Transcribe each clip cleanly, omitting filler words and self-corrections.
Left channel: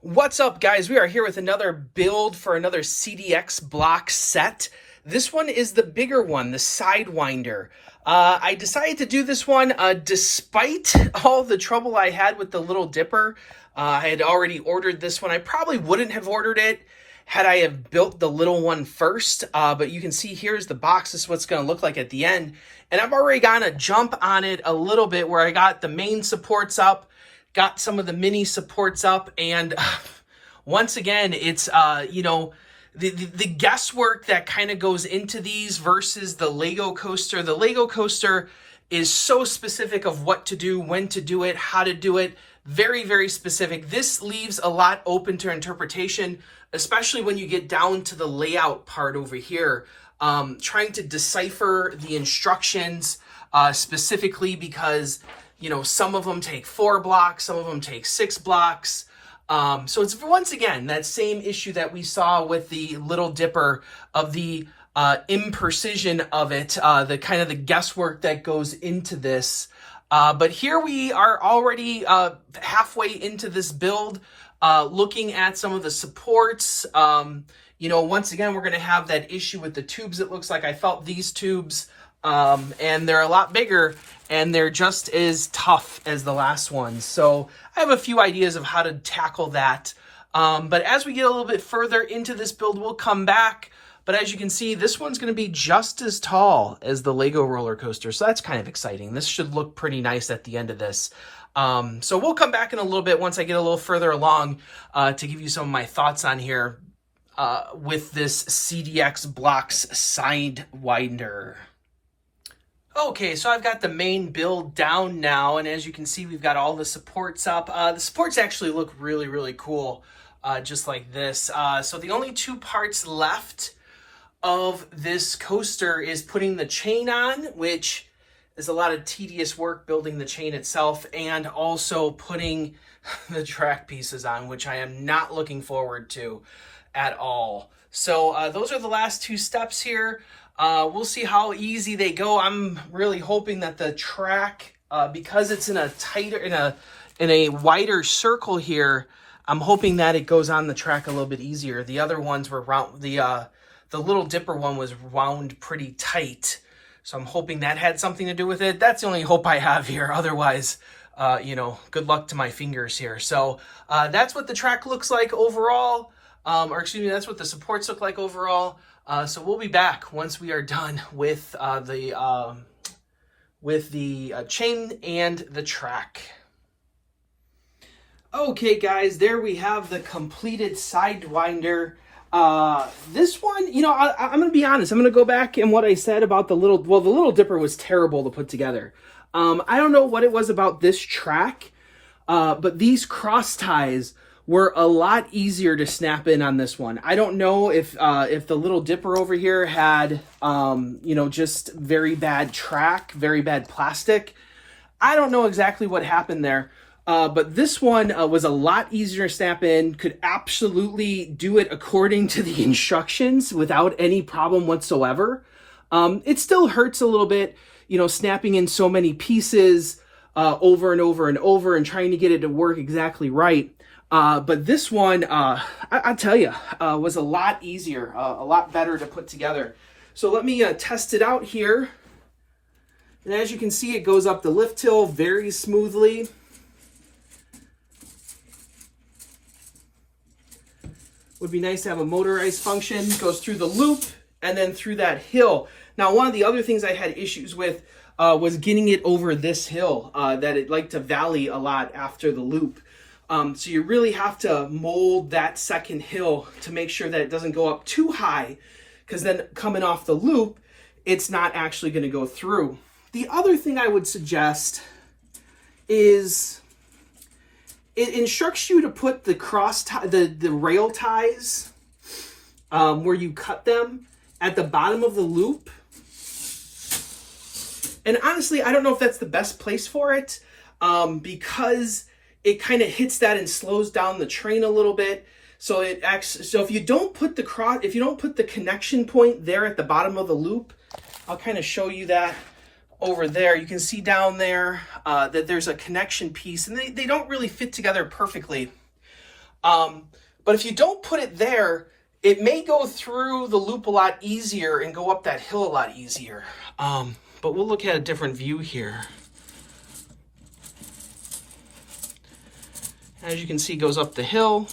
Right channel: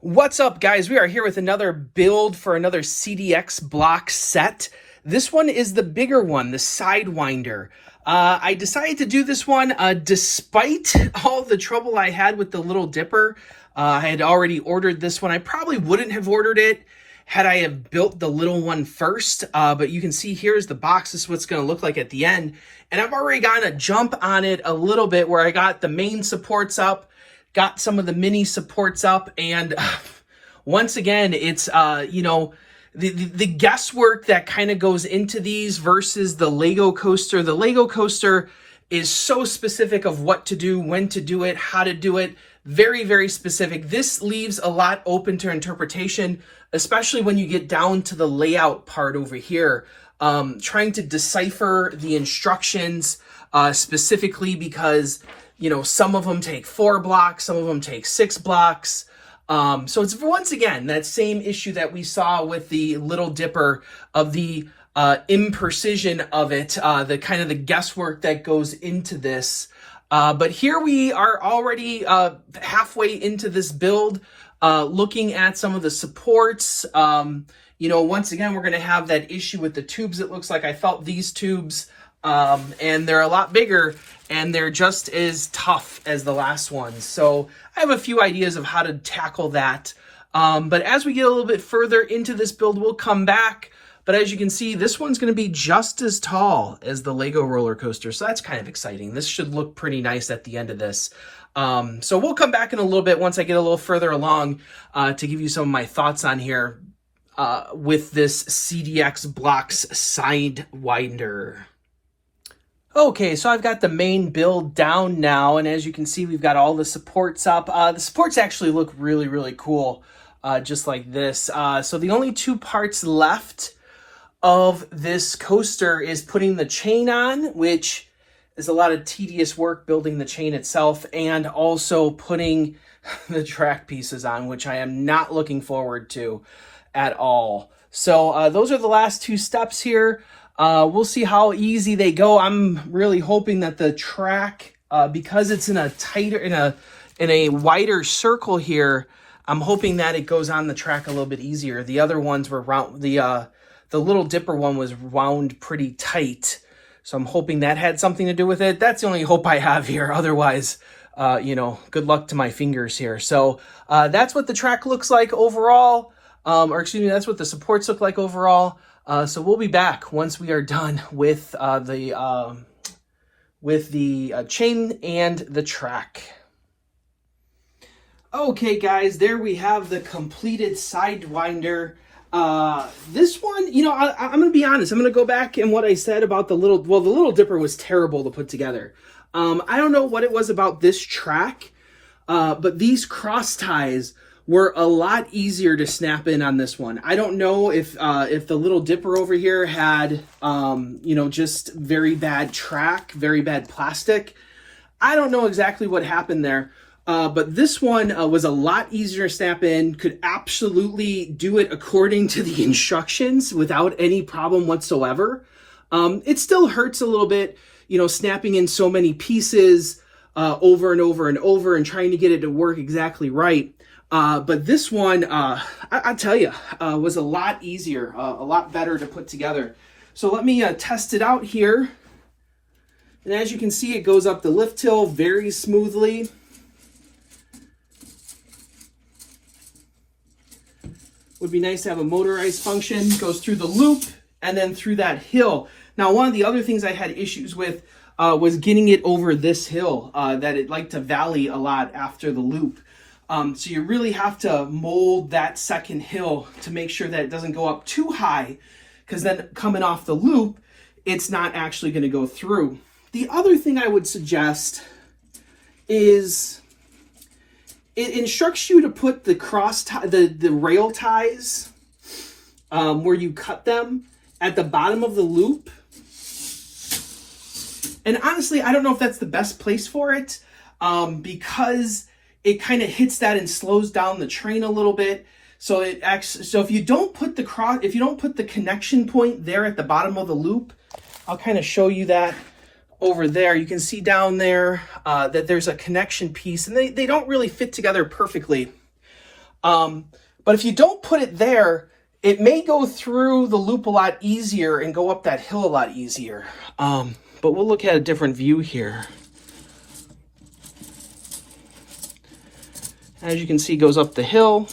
What's up, guys? We are here with another build for another CDX block set. This one is the bigger one, the Sidewinder. I decided to do this one despite all the trouble I had with the Little Dipper. I had already ordered this one. I probably wouldn't have ordered it had I have built the little one first, but you can see here's the box. This is what it's going to look like at the end. And I've already gotten a jump on it a little bit where I got the main supports up, got some of the mini supports up, and once again, it's, the guesswork that kind of goes into these versus the Lego coaster. The Lego coaster is so specific of what to do, when to do it, how to do it. Very, very specific. This leaves a lot open to interpretation, especially when you get down to the layout part over here. Trying to decipher the instructions specifically because, some of them take 4 blocks, some of them take 6 blocks. So it's once again that same issue that we saw with the Little Dipper of the imprecision of it, the kind of the guesswork that goes into this. But here we are already halfway into this build, looking at some of the supports. Once again, we're going to have that issue with the tubes. It looks like I felt these tubes, and they're a lot bigger, and they're just as tough as the last ones. So I have a few ideas of how to tackle that. But as we get a little bit further into this build, we'll come back. But as you can see, this one's going to be just as tall as the Lego roller coaster. So that's kind of exciting. This should look pretty nice at the end of this. So we'll come back in a little bit once I get a little further along to give you some of my thoughts on here with this CDX Blocks Sidewinder. Okay, so I've got the main build down now, and as you can see, we've got all the supports up. The supports actually look really, really cool, just like this. So the only 2 parts left of this coaster is putting the chain on, which is a lot of tedious work building the chain itself, and also putting the track pieces on, which I am not looking forward to at all. So those are the last 2 steps here. We'll see how easy they go. I'm really hoping that the track, because it's in a tighter, in a wider circle here, I'm hoping that it goes on the track a little bit easier. The other ones were round, the Little Dipper one was wound pretty tight. So I'm hoping that had something to do with it. That's the only hope I have here. Otherwise, good luck to my fingers here. So that's what the track looks like overall. That's what the supports look like overall. So we'll be back once we are done with the chain and the track. Okay, guys, there we have the completed Sidewinder. This one, I'm going to be honest. I'm going to go back and what I said about the Little Dipper was terrible to put together. I don't know what it was about this track, but these cross ties were a lot easier to snap in on this one. I don't know if the Little Dipper over here had, just very bad track, very bad plastic. I don't know exactly what happened there, but this one was a lot easier to snap in, could absolutely do it according to the instructions without any problem whatsoever. It still hurts a little bit, snapping in so many pieces over and over and over and trying to get it to work exactly right. But this one, I'll tell you, was a lot easier, a lot better to put together. So let me test it out here. And as you can see, it goes up the lift hill very smoothly. Would be nice to have a motorized function. Goes through the loop and then through that hill. Now, one of the other things I had issues with was getting it over this hill, that it liked to valley a lot after the loop. So you really have to mold that second hill to make sure that it doesn't go up too high, because then coming off the loop, it's not actually going to go through. The other thing I would suggest is it instructs you to put the the rail ties where you cut them at the bottom of the loop. And honestly, I don't know if that's the best place for it, because it kind of hits that and slows down the train a little bit. So if you don't put the connection point there at the bottom of the loop, I'll kind of show you that over there. You can see down there that there's a connection piece, and they don't really fit together perfectly. But if you don't put it there, it may go through the loop a lot easier and go up that hill a lot easier. But we'll look at a different view here. As you can see, it goes up the hill.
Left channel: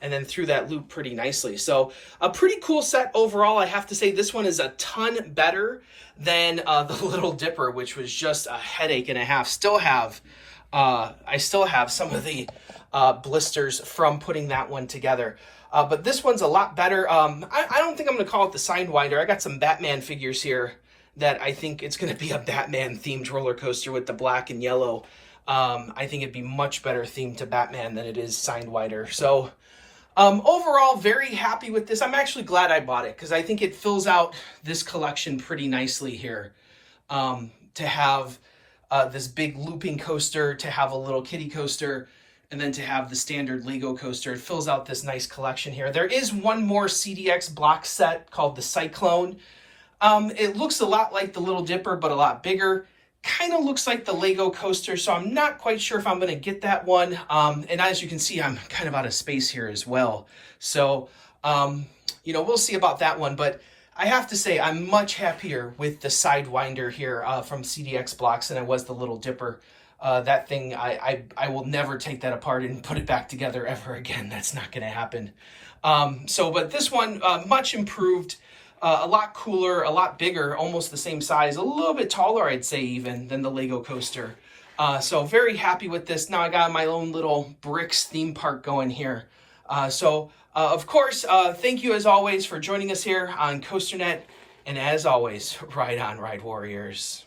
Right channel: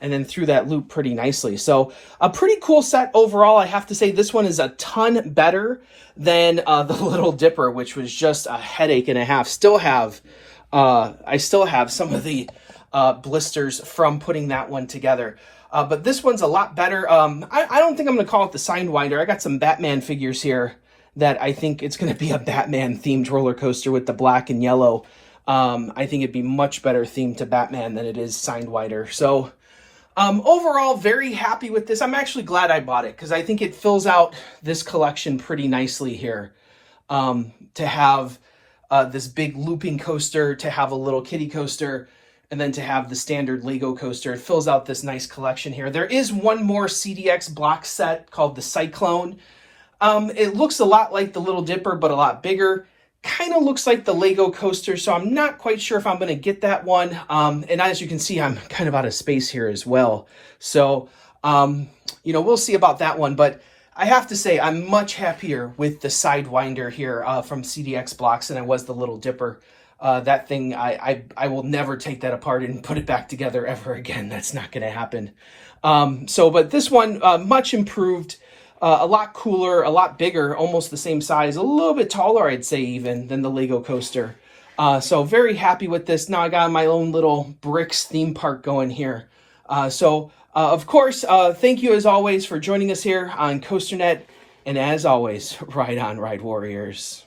And then through that loop pretty nicely. So a pretty cool set overall. I have to say this one is a ton better than the Little Dipper, which was just a headache and a half. I still have some of the blisters from putting that one together. But this one's a lot better. I don't think I'm going to call it the Sidewinder. I got some Batman figures here that I think it's going to be a Batman themed roller coaster with the black and yellow. I think it'd be much better themed to Batman than it is Sidewinder. So overall, very happy with this. I'm actually glad I bought it because I think it fills out this collection pretty nicely here. To have this big looping coaster, to have a little kiddie coaster, and then to have the standard Lego coaster. It fills out this nice collection here. There is one more CDX block set called the Cyclone. It looks a lot like the Little Dipper, but a lot bigger. Kind of looks like the Lego coaster, so I'm not quite sure if I'm going to get that one. And as you can see, I'm kind of out of space here as well. So, we'll see about that one. But I have to say, I'm much happier with the Sidewinder here from CDX Blocks than I was the Little Dipper. That thing, I will never take that apart and put it back together ever again. That's not going to happen. But this one, much improved. A lot cooler, a lot bigger, almost the same size, a little bit taller, I'd say, even than the Lego coaster. So very happy with this. Now I got my own little bricks theme park going here. Of course, thank you as always for joining us here on COASTER.net. And as always, ride on, Ride Warriors.